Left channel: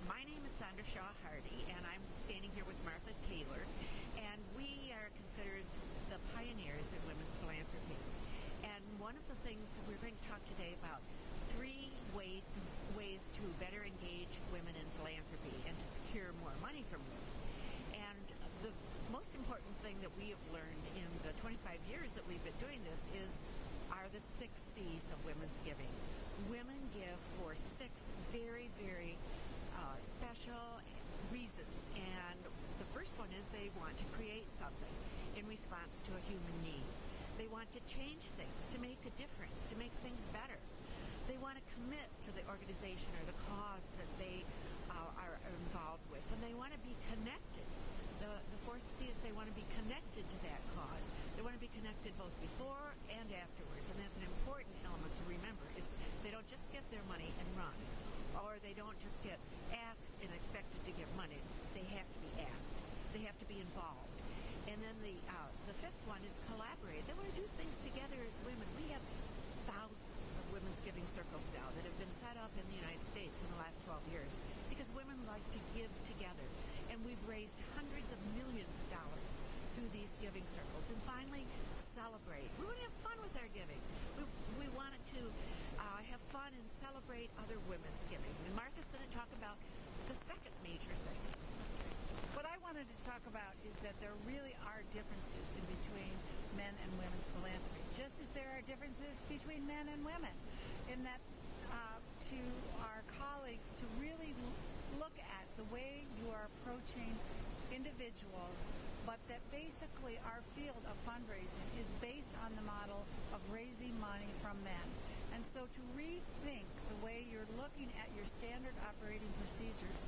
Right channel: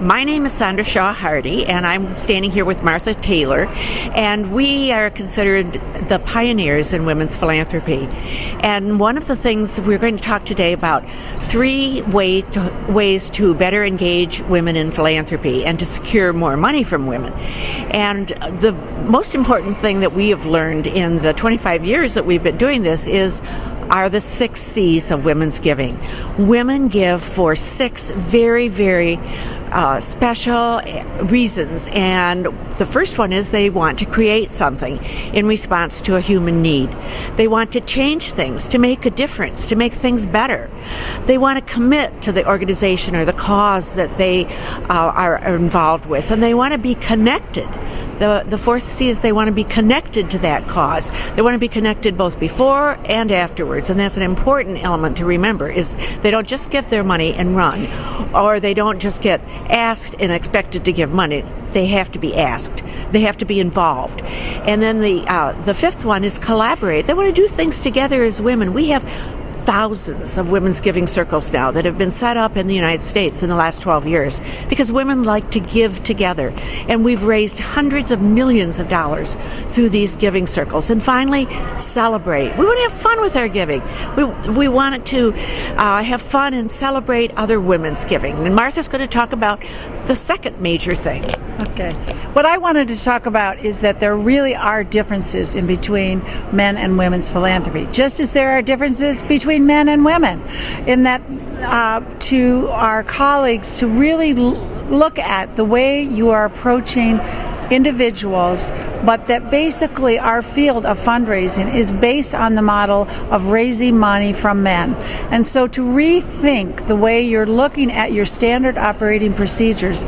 My name is Sondra Shaw Hardy, and I'm standing here with Martha Taylor, and we are considered the pioneers in women's philanthropy. And one of the things we're going to talk today about, three ways to better engage women in philanthropy and to secure more money from women. And the most important thing that we have learned in the 25 years that we've been doing this are the 6 C's of women's giving. Women give for 6 very, very special reasons, and the first one is they want to create something in response to a human need. They want to change things, to make a difference, to make things better. They want to commit to the organization or the cause that they are involved with, and they want to be connected. The fourth C is they want to be connected to that cause. They want to be connected both before and afterwards, and that's an important element to remember, is they don't just give their money and run, or they don't just get asked and expected to give money. They have to be asked. They have to be involved. And then the fifth one is collaborate. They want to do things together as women. We have thousands of women's giving circles now that have been set up in the United States in the last 12 years because women like to give together. And we've raised hundreds of millions of dollars through these giving circles. And finally, celebrate. We want to have fun with our giving. We want to have fun and celebrate other women's giving. And Martha's going to talk about the second major thing. Okay. What I wanted to talk about is that there really are differences in between men and women's philanthropy, just as there are differences between men and women, in that to our colleagues to really look at the way you are approaching individuals, but that basically our field of fundraising is based on the model of raising money from men. And so to rethink the way you're looking at your standard operating procedures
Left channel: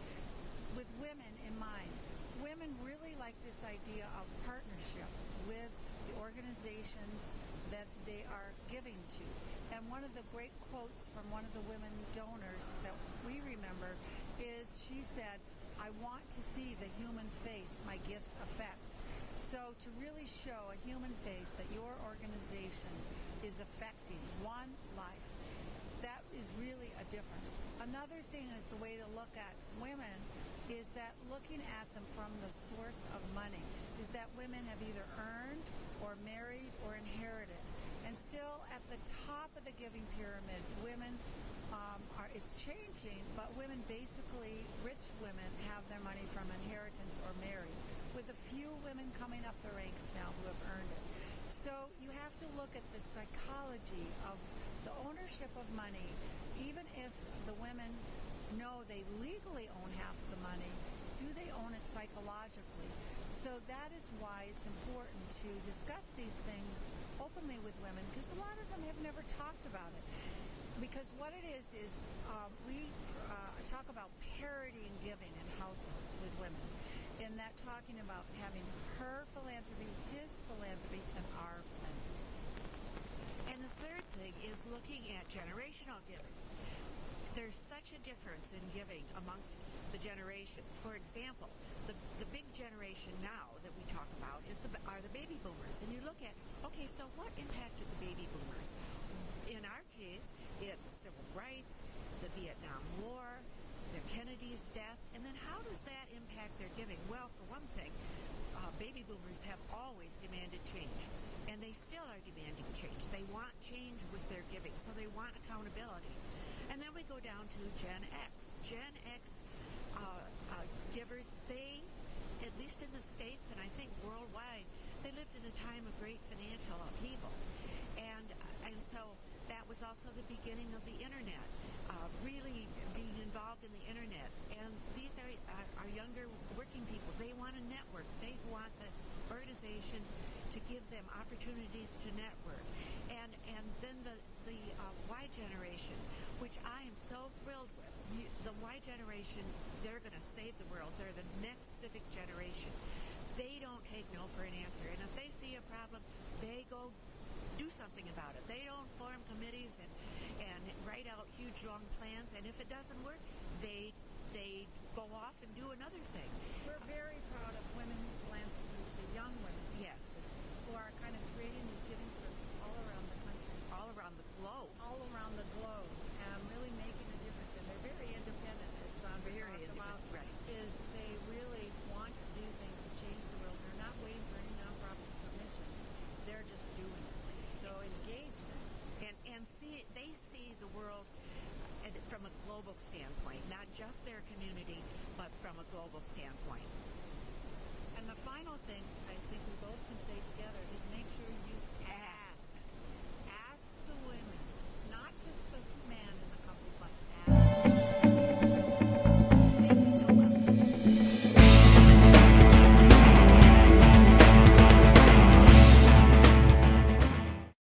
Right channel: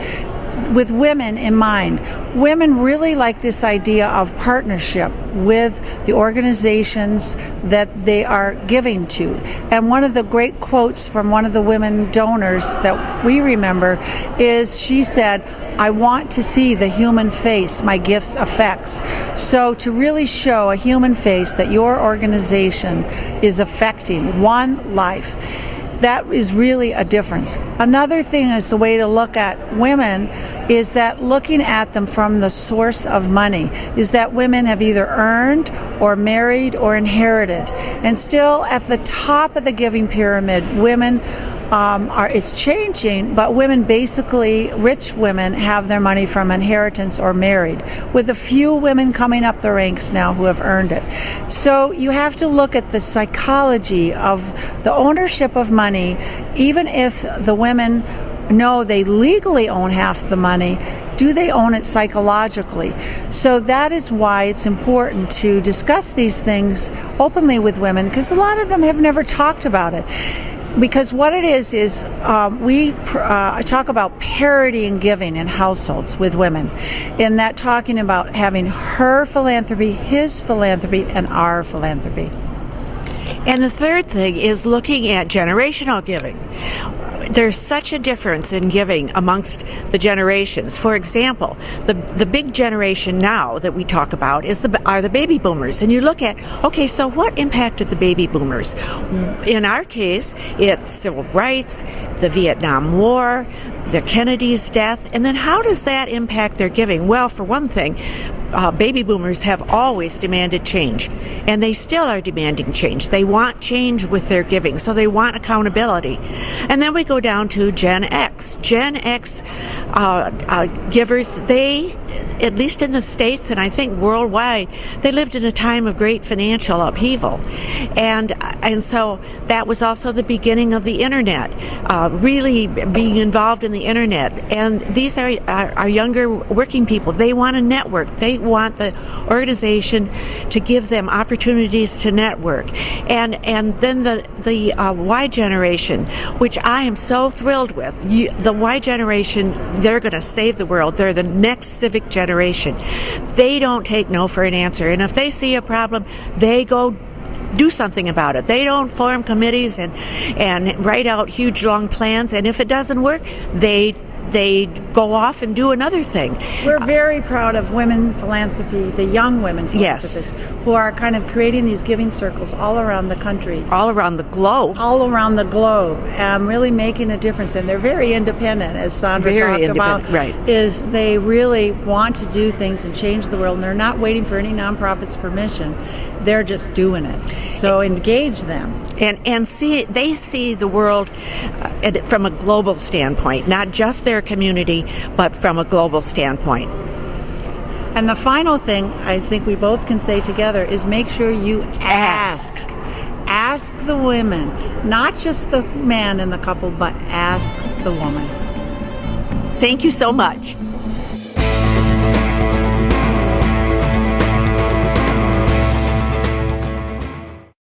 with women in mind. Women really like this idea of partnership with the organizations that they are giving to. And one of the great quotes from one of the women donors that we remember is, she said, "I want to see the human face my gifts affects." So to really show a human face that your organization is affecting one life, that is really a difference. Another thing is the way to look at women is that looking at them from the source of money is that women have either earned or married or inherited. And still at the top of the giving pyramid, women it's changing, but women basically, rich women, have their money from inheritance or married, with a few women coming up the ranks now who have earned it. So you have to look at the psychology of the ownership of money. Even if the women know they legally own half the money, do they own it psychologically? So that is why it's important to discuss these things openly with women, because a lot of them have never talked about it. Because what it is we talk about parity in giving in households with women, in that talking about having her philanthropy, his philanthropy, and our philanthropy. And the third thing is looking at generational giving. There's such a difference in giving amongst the generations. For example, the big generation now that we talk about are the baby boomers. And you look at, okay, so what impacted the baby boomers? In our case, it's civil rights, the Vietnam War, the Kennedy's death, and then how does that impact their giving? Well, for one thing, baby boomers have always demanded change, and they still are demanding change. They want change with their giving, so they want accountability. And then we go down to Gen X. Gen X givers, they, at least in the States and I think worldwide, they lived in a time of great financial upheaval. And so that was also the beginning of the internet, really being involved in the internet. And these are younger working people. They want to network. They want the organization to give them opportunities to network. And then the Y generation, which I am so thrilled with. The Y generation, they're going to save the world. They're the next civic generation. They don't take no for an answer. And if they see a problem, they go do something about it. They don't form committees and write out huge long plans. And if it doesn't work, they go off and do another thing. We're very proud of women philanthropy, the young women philanthropists. Yes. who are kind of creating these giving circles all around the country. All around the globe. All around the globe, really making a difference. And they're very independent, as Sondra talked about. Right. Is they really want to do things and change the world, and they're not waiting for any nonprofit's permission. They're just doing it. So engage them. And they see the world from a global standpoint, not just their community, but from a global standpoint. And the final thing I think we both can say together is make sure you ask. Ask the women, not just the man in the couple, but ask the woman. Thank you so much.